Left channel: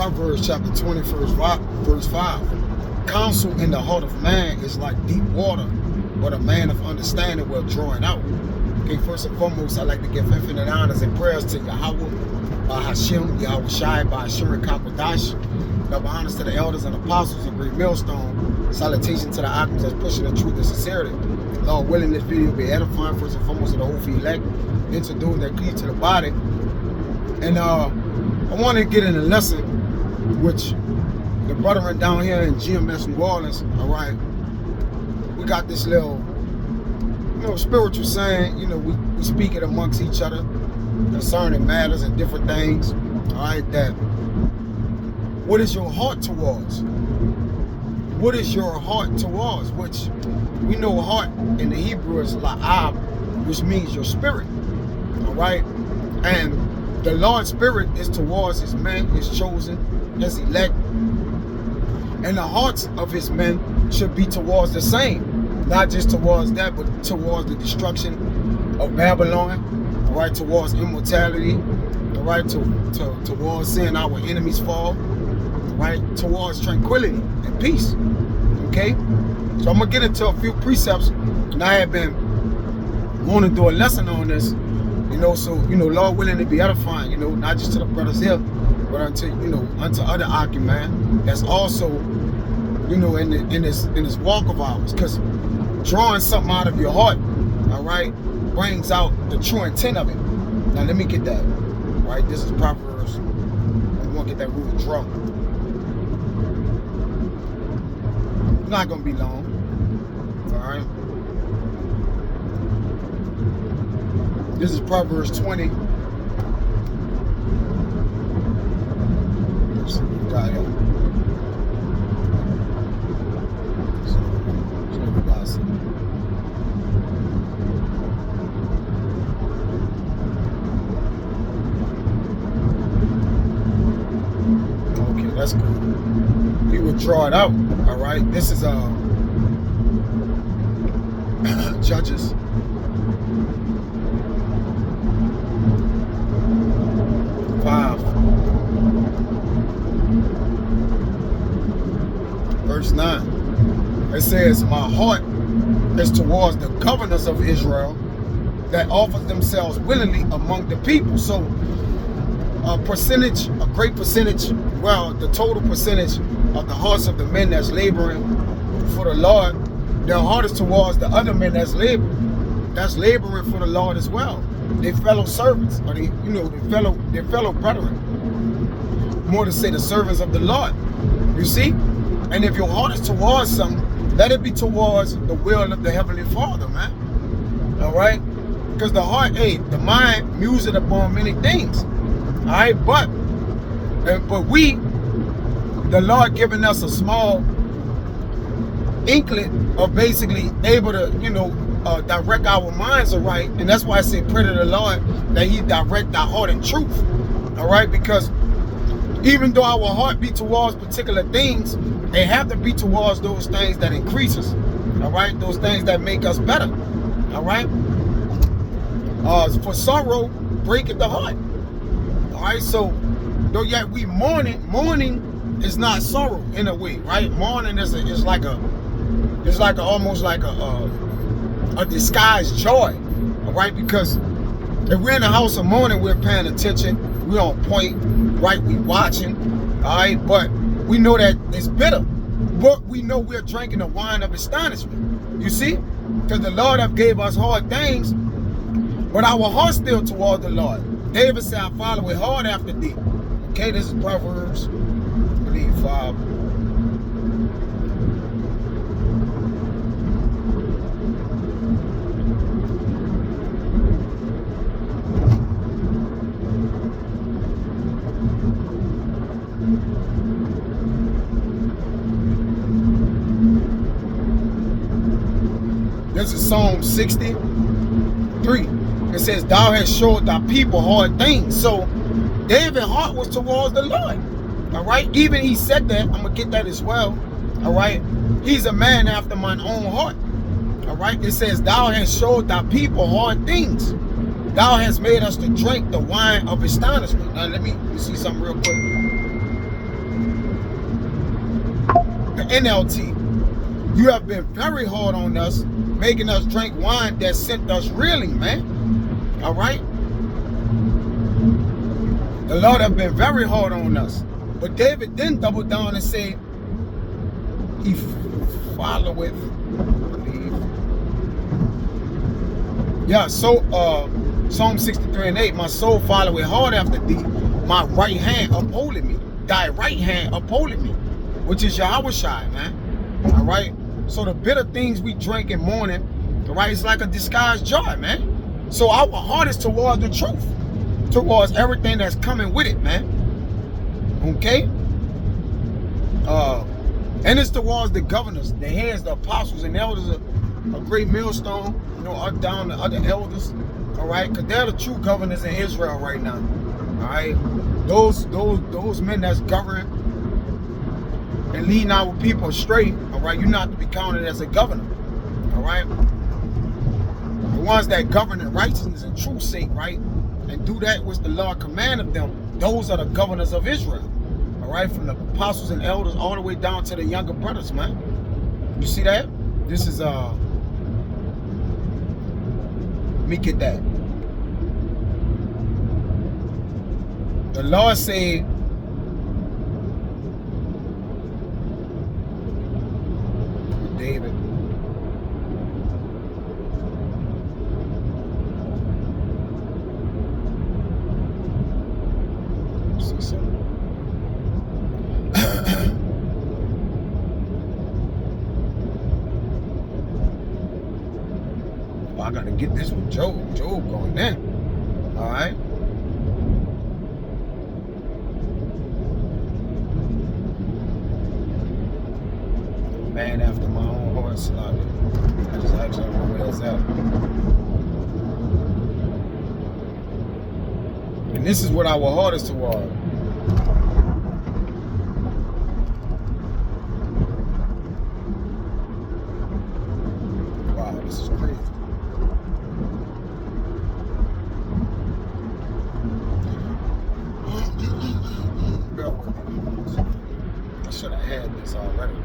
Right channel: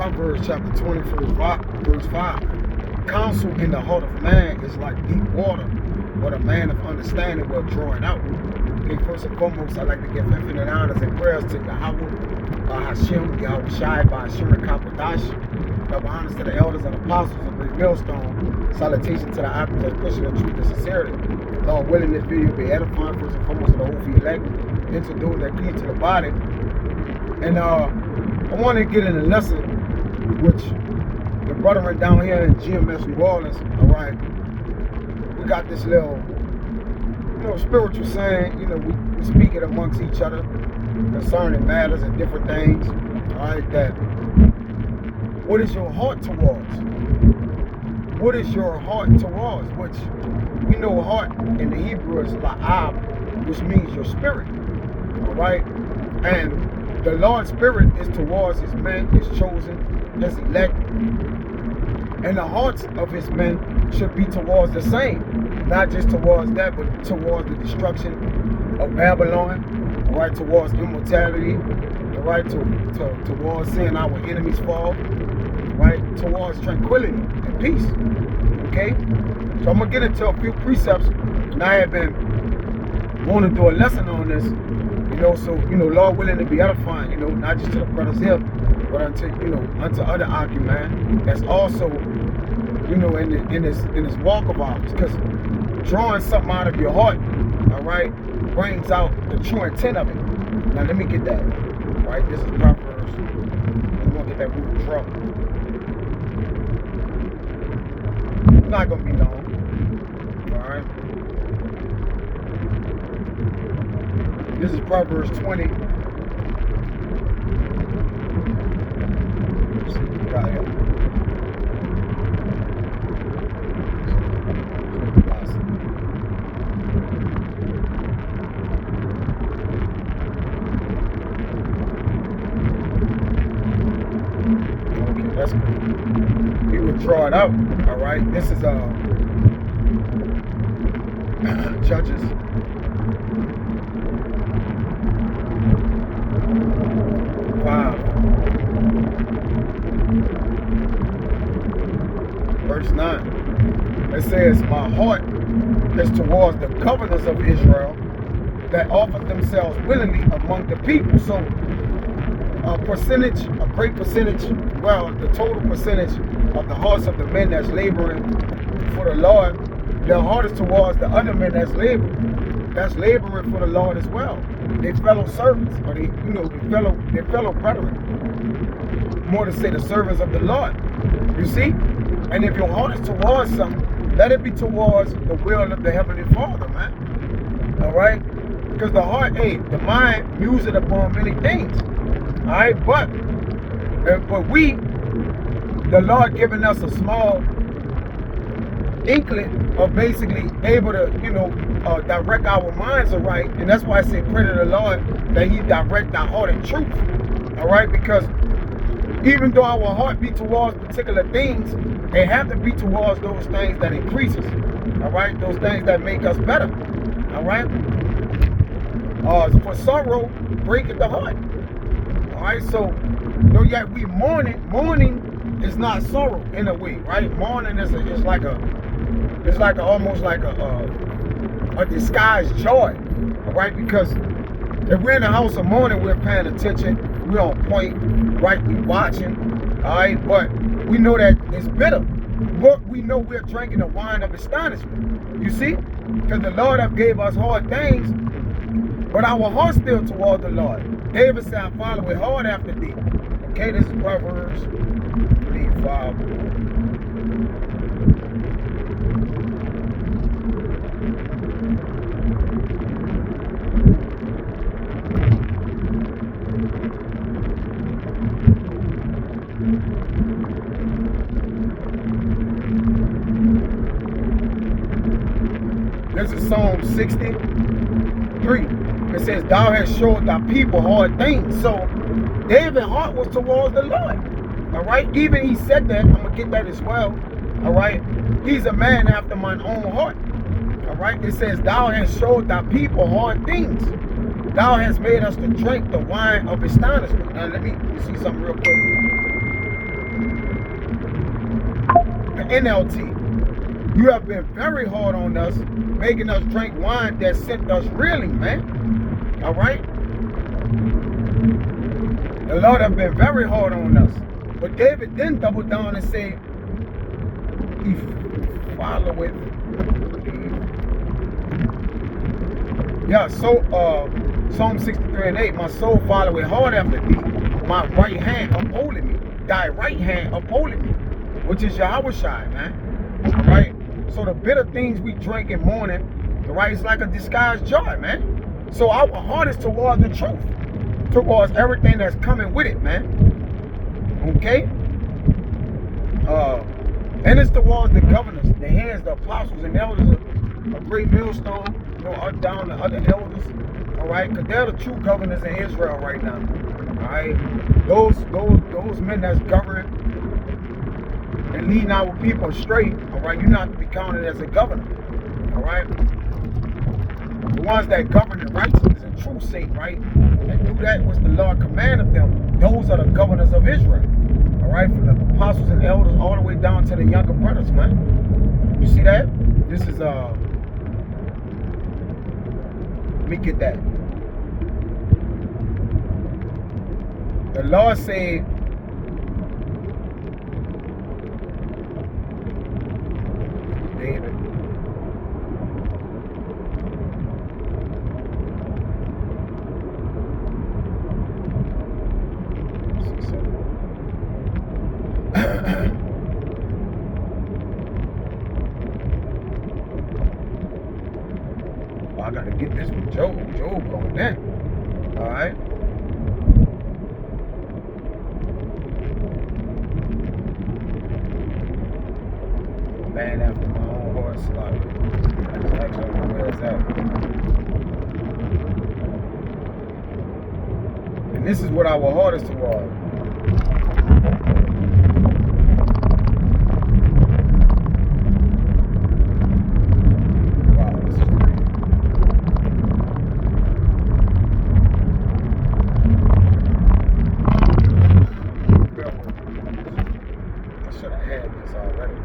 Proverbs chapter 20, verse 5. Counsel in the heart of man is like deep water, but a man of understanding will draw it out. Okay, first and foremost, I'd like to give infinite honors and prayers to Yahweh, Hashem, Yahweh Shai, Ba'ashur, Kapadash. Double honors to the elders and apostles of Great Millstone. Salutation to the items that's pushing the truth and sincerity. Lord willing, this video will be edifying first and foremost to the whole elect, into those that cleave to the body. And I want to get in a lesson which the brethren down here in GMS New Orleans, all right, we got this little, spiritual saying, we speak it amongst each other concerning matters and different things, all right, that what is your heart towards? What is your heart towards? Which we know heart in the Hebrew is la'ab, which means your spirit, all right? And the Lord's spirit is towards his men, his chosen, his elect. And the hearts of his men should be towards the same. Not just towards that, but towards the destruction of Babylon, all right, towards immortality, all right, towards seeing our enemies fall, right, towards tranquility and peace, okay? So I'm going to get into a few precepts, and I have been wanting to do a lesson on this, so, Lord willing to be edifying, not just to the brothers here, but unto other Aki, man, that's also, in this walk of ours, because drawing something out of your heart, all right, brings out the true intent of it. Now, let me get that, all right? This is Proverbs. I'm going to get that root of draw. Not going to be long, all right? This is Proverbs 20. Let's see what we got here. Okay, that's good. You would draw it out, all right? This is Judges. Verse 9, it says, my heart is towards the governors of Israel that offer themselves willingly among the people. So a great percentage, well, the total percentage of the hearts of the men that's laboring for the Lord, their heart is towards the other men that's laboring for the Lord as well. Their fellow servants, or their fellow brethren. More to say the servants of the Lord. You see? And if your heart is towards something, let it be towards the will of the Heavenly Father, man. All right? Because the heart, the mind museth upon many things. All right? But we, the Lord giving us a small inkling of basically able to, direct our minds aright. And that's why I say pray to the Lord that he direct our heart in truth. All right? Because even though our heart be towards particular things, they have to be towards those things that increase us, all right? Those things that make us better, all right? For sorrow, breaketh the heart, all right? So, though yet we mourning is not sorrow in a way, right? Mourning is almost like a disguised joy, all right? Because if we're in the house of mourning, we're paying attention, we're on point, right? We watching, all right? But we know that it's bitter, but we know we're drinking the wine of astonishment. You see? Because the Lord have gave us hard things, but our heart's still toward the Lord. David said, I follow it hard after thee. Okay, this is Proverbs, I believe, 5. This is Psalm 63. It says, thou hast showed thy people hard things. So David's heart was towards the Lord. All right. Even he said that. I'm going to get that as well. All right. He's a man after mine own heart. All right. It says, thou hast showed thy people hard things. Thou hast made us to drink the wine of astonishment. Now let me see something real quick. the NLT. You have been very hard on us, making us drink wine that sent us reeling, man. All right? The Lord have been very hard on us. But David then doubled down and said, he followeth. Yeah, so Psalm 63:8, my soul followeth hard after thee. My right hand upholding me. Thy right hand upholding me. Which is Yahushua, man. All right? So the bitter things we drink in morning, all right, it's like a disguised joy, man. So our heart is towards the truth, towards everything that's coming with it, man. Okay? And it's towards the governors, the heads, the apostles, and elders, a great millstone, you know, down the other elders, all right? Because they're the true governors in Israel right now, all right? Those men that's governing and leading our people astray, all right? You're not to be counted as a governor, all right? The ones that govern in righteousness and truth's sake, right? And do that which the Lord commanded them. Those are the governors of Israel, all right? From the apostles and elders all the way down to the younger brothers, man. You see that? This is, let me get that. The Lord said, David, see something. Oh, I gotta get this with Job. Job going in. All right. Man after my own heart, slaughter. I just actually don't know where it's at. And this is what our heart is toward. Wow, this is crazy. I should have had this already.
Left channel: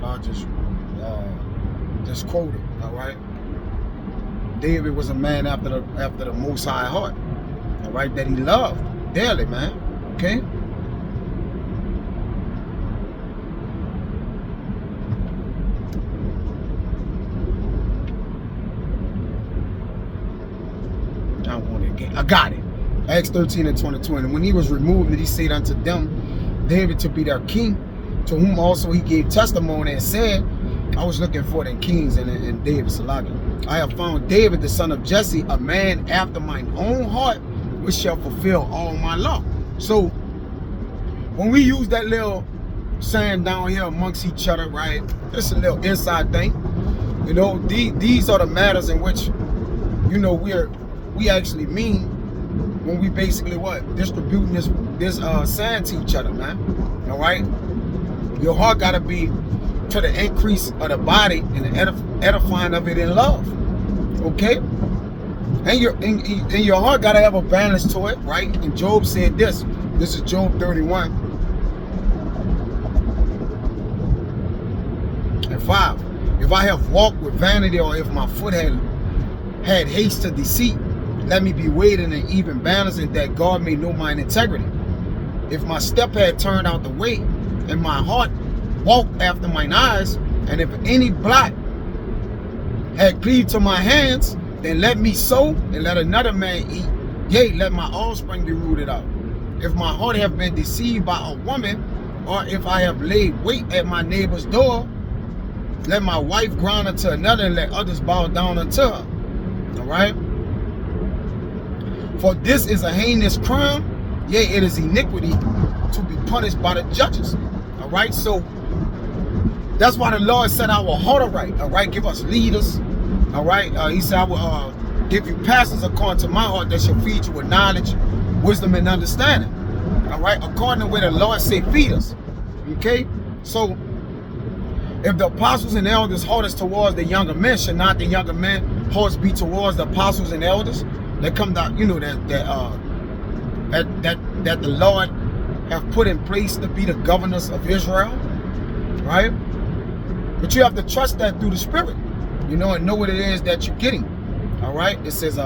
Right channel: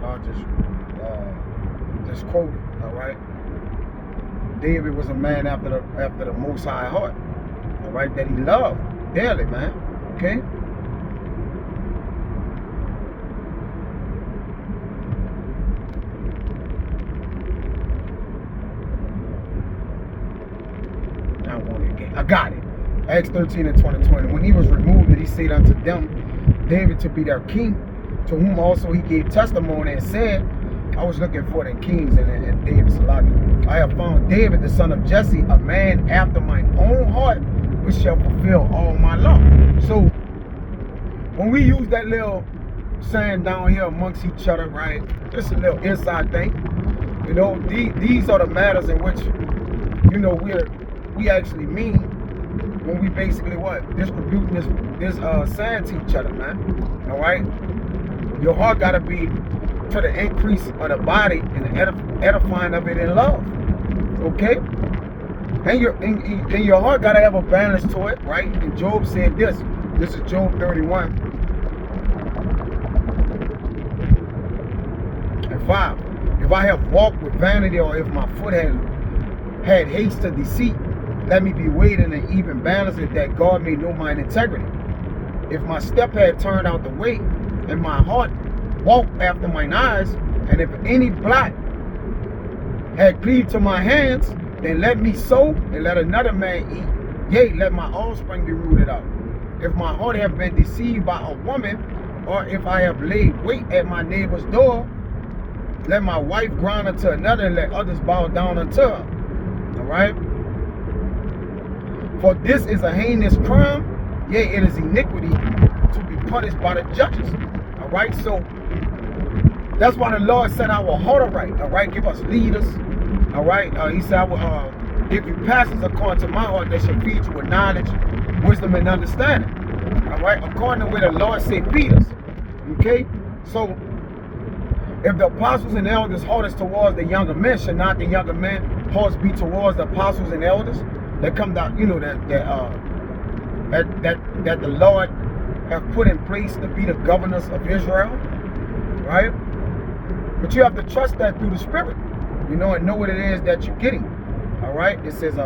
I'll just quote it, all right? David was a man after the Most High heart, all right, that he loved dearly, man, okay? I got it. Acts 13:20. When he was removed, he said unto them, David to be their king, to whom also he gave testimony and said, I was looking for the kings and David Salaga. I have found David, the son of Jesse, a man after mine own heart, which shall fulfill all my law. So when we use that little saying down here amongst each other, right? It's a little inside thing. You know, these are the matters in which, you know, we actually mean when we basically what? Distributing this saying to each other, man. All right? Your heart gotta be to the increase of the body and the edifying of it in love. Okay? And your heart gotta have a balance to it, right? And Job said this. This is Job 31:5. If I have walked with vanity, or if my foot had haste to deceit, let me be weighed in an even balance, and that God may know mine integrity. If my step had turned out the way, and my heart walked after mine eyes, and if any blot had cleaved to my hands, then let me sow, and let another man eat. Yea, let my offspring be rooted out. If my heart have been deceived by a woman, or if I have laid wait at my neighbor's door, Let my wife grind unto another, and let others bow down unto her. All right? For this is a heinous crime, yea, it is iniquity to be punished by the judges. All right? So that's why the Lord set our heart aright. All right? Give us leaders. All right? He said, I will give you pastors according to my heart that shall feed you with knowledge, wisdom, and understanding. All right? According to where the Lord said, feed us. Okay? So if the apostles and elders' heart is towards the younger men, should not the younger men hearts be towards the apostles and elders that come down, you know, that the Lord have put in place to be the governors of Israel, right? But you have to trust that through the Spirit, you know, and know what it is that you're getting. All right? It says,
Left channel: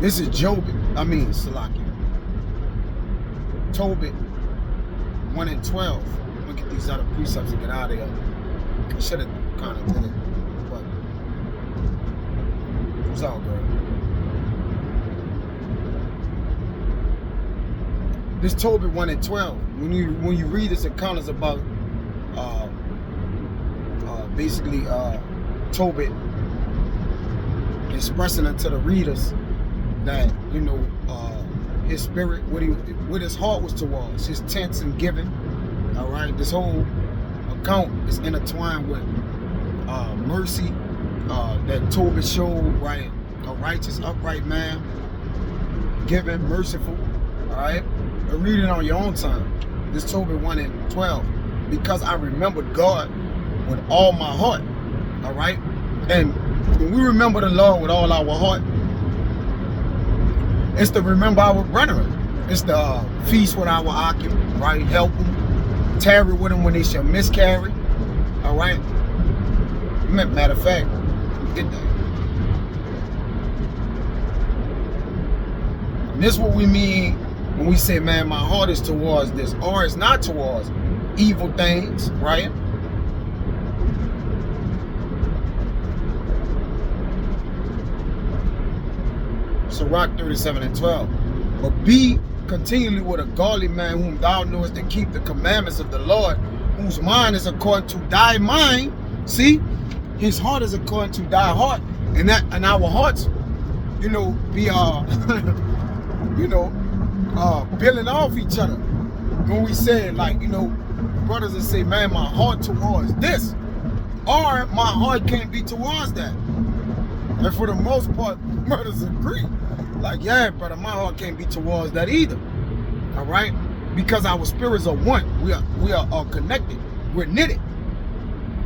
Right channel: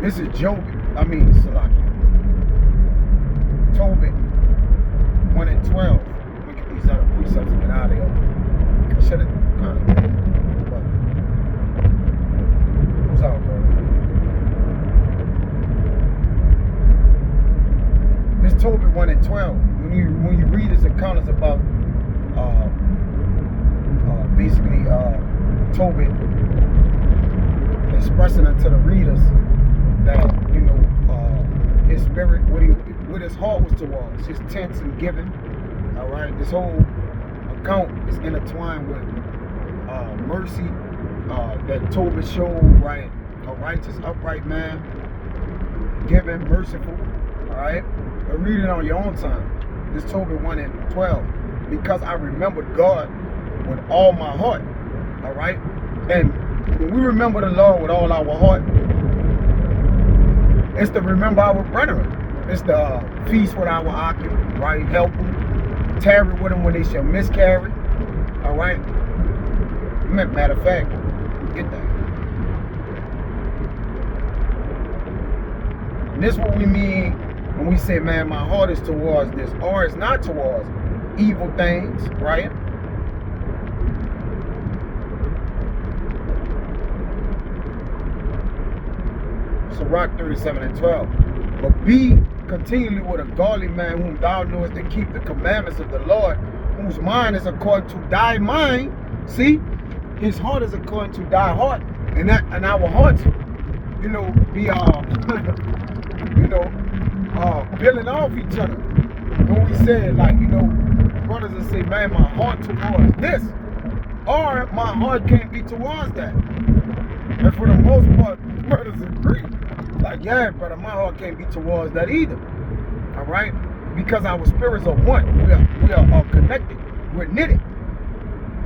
this is Salaki. Tobit 1 and 12. Let me get these other precepts and get out of here. I should have kind of did it, but it's all good. This Tobit 1 and 12. When you read this account, it's about basically Tobit expressing it to the readers that, you know, his spirit, what his heart was towards, his tents and giving. All right, this whole account is intertwined with mercy that Tobit showed, right? A righteous, upright man, giving, merciful. All right, but read it on your own time. This Tobit 1 and 12, because I remembered God with all my heart. All right, and when we remember the Lord with all our heart, it's to remember our brethren. It's to feast with our occupant, right? Help them. Tarry with them when they shall miscarry. All right? Matter of fact, get that. And this is what we mean when we say, man, my heart is towards this, or it's not towards evil things, right? Sirach 37 and 12. But be continually with a godly man whom thou knowest to keep the commandments of the Lord, whose mind is according to thy mind. See, his heart is according to thy heart, and our hearts, you know, be building off each other. When we say, like, you know, brothers will say, man, my heart towards this, or my heart can't be towards that. And for the most part, brothers agree. Like, yeah, brother, my heart can't be towards that either. All right? Because our spirits are one. We are connected. We're knitted.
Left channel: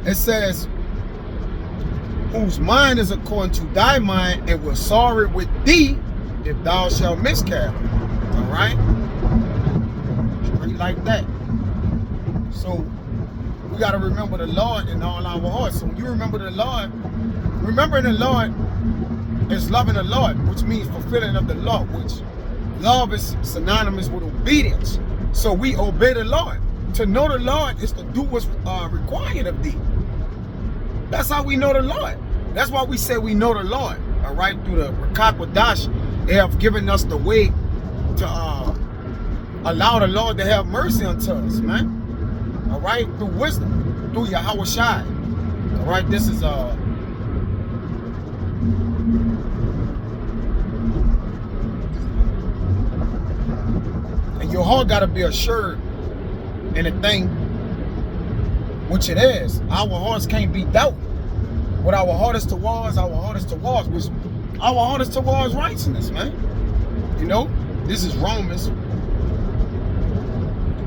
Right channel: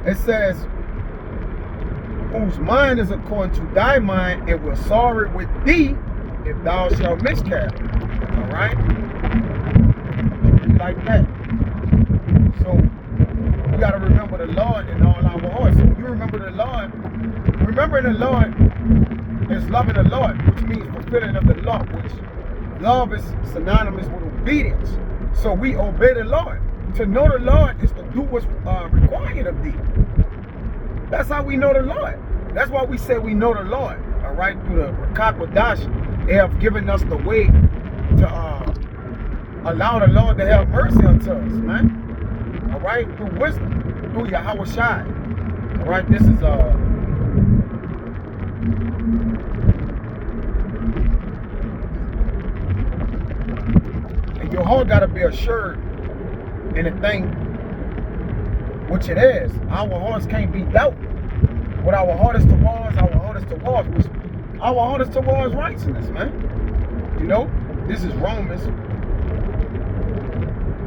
It says, whose mind is according to thy mind, and will sorrow with thee if thou shalt miscarry. All right? Straight like that. So we got to remember the Lord in all our hearts. So when you remember the Lord, remembering the Lord is loving the Lord, which means fulfilling of the law, which love is synonymous with obedience. So we obey the Lord. To know the Lord is to do what's required of thee. That's how we know the Lord. That's why we say we know the Lord. All right, through the Rakat Wadash, they have given us the way to allow the Lord to have mercy unto us, man. All right, through wisdom, through Yahweh Shai. All right, this is and your heart got to be assured in a thing, which it is. Our hearts can't be doubted. What our heart is towards, our heart is towards righteousness, man. You know, this is Romans.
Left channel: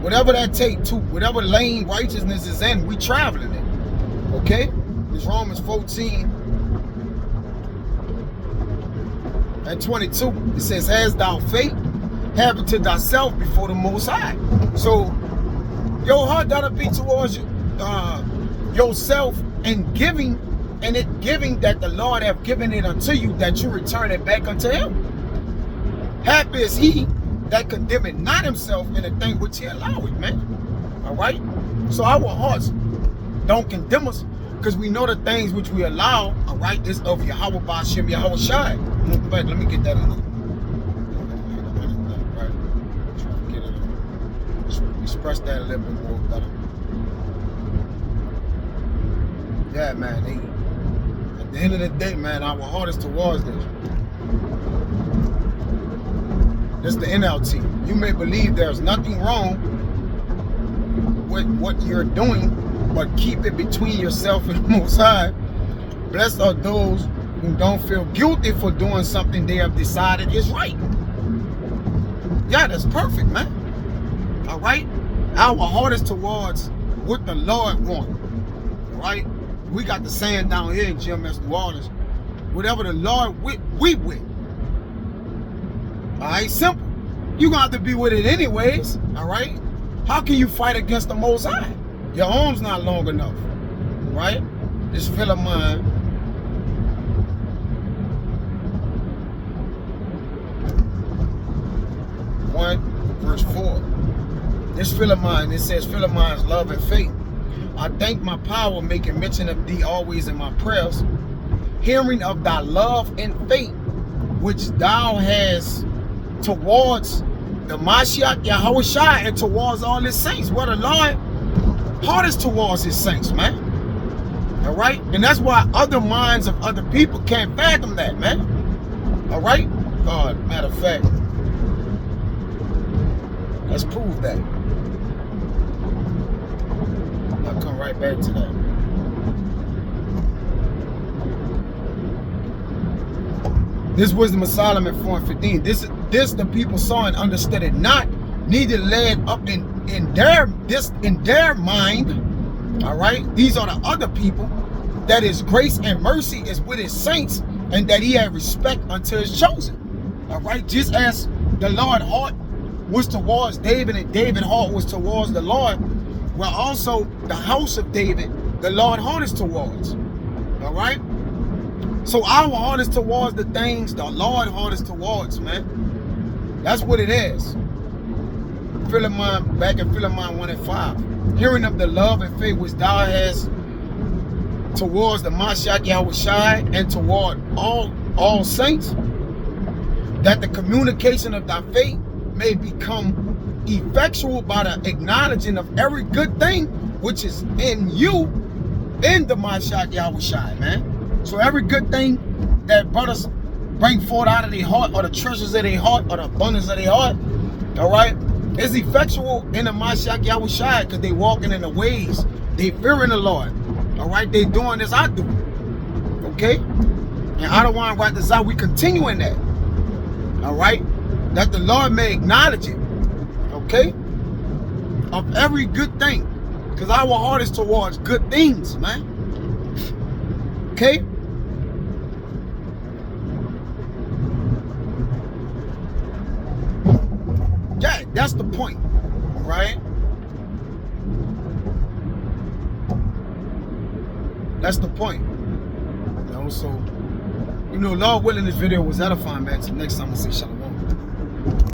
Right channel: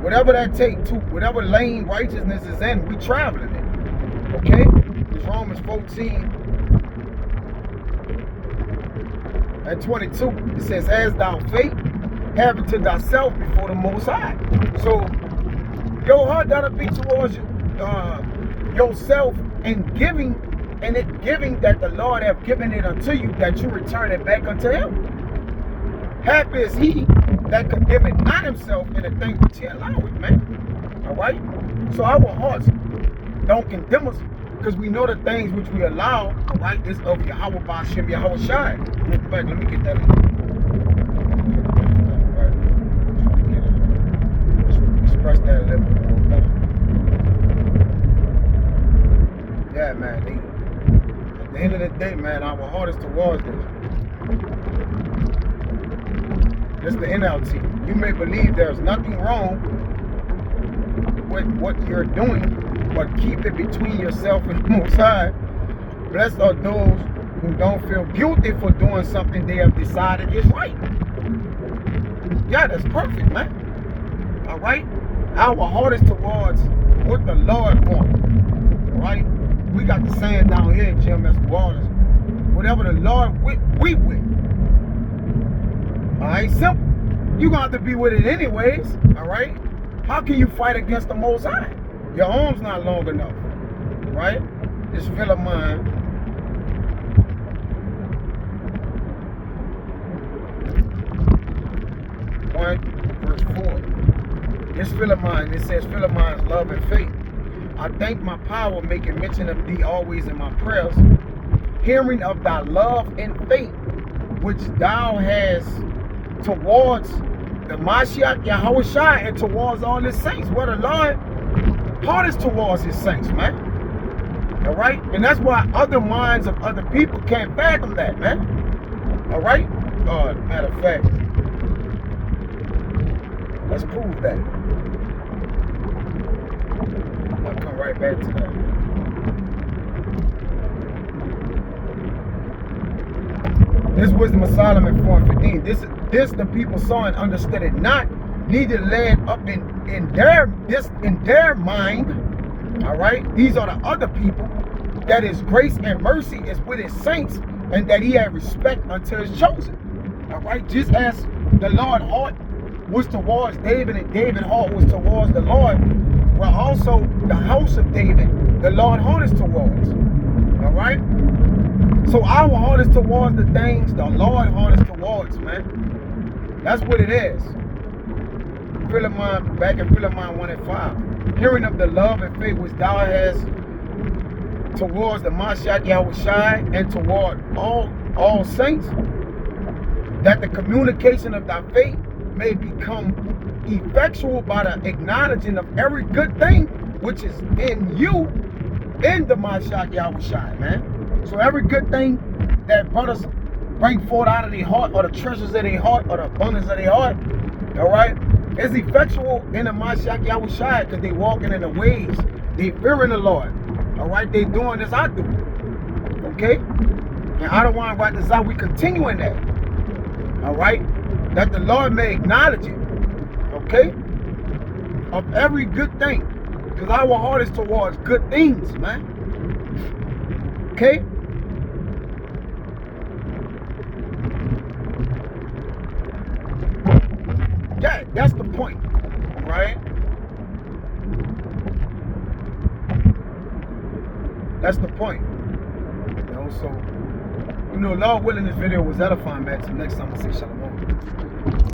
Whatever that take to, whatever lane righteousness is in, we traveling in. Okay? This Romans 14 and 22. It says, has thou faith, have it to thyself before the Most High. So your heart gotta be towards yourself and giving, and it giving that the Lord have given it unto you, that you return it back unto him. Happy is he that condemneth not himself in the thing which he alloweth, man. All right? So our hearts don't condemn us, because we know the things which we allow, all right, is of Yahweh Ba'ashem Yahweh Shai. In fact, let me get that in there. express that a little bit more better. Yeah, man. At the end of the day, man, our heart is towards this. This is the NLT. You may believe there's nothing wrong with what you're doing, but keep it between yourself and the Most High. Blessed are those who don't feel guilty for doing something they have decided is right. Yeah, that's perfect, man. All right? Our heart is towards what the Lord wants. All right? We got the saying down here in GMS Waters. Whatever the Lord with, we with. All right? Simple. You're going to have to be with it anyways. All right? How can you fight against the Most High? Your arm's not long enough. Right? This feel of mine. Verse 4. This feel of mine, it says, feel of mine's love and faith. I thank my power, making mention of thee always in my prayers, hearing of thy love and faith, which thou hast towards the Mashiach Yahushua and towards all his saints. What the Lord heart is towards his saints, man. All right? And that's why other minds of other people can't fathom that, man. All right? God, matter of fact, let's prove that. I'll come right back to that. This Wisdom of Solomon 4:15. This the people saw and understood it not, neither led up in their mind. All right, these are the other people. That his grace and mercy is with his saints, and that he had respect unto his chosen. All right, just as the Lord heart was towards David, and David's heart was towards the Lord, well, also the house of David, the Lord heart is towards. All right? So our heart is towards the things the Lord heart is towards, man. That's what it is. Philemon, back in Philemon 1:5. Hearing of the love and faith which thou hast towards the Mashiach Yahushua and toward all saints, that the communication of thy faith may become effectual by the acknowledging of every good thing which is in you, in the Mashiach Yahushua, man. So every good thing that brothers bring forth out of their heart, or the treasures of their heart, or the abundance of their heart, all right, is effectual in the Mashiach Yahushua, because they walking in the ways, they fearing the Lord, all right, they doing as I do, okay, and I don't want to write this out, we continue in that, all right, that the Lord may acknowledge it, okay, of every good thing, because our heart is towards good things, man, okay. Yeah, that's the point, right? That's the point. You know, so, Lord willing, this video was edifying, man. So next time, I say shalom.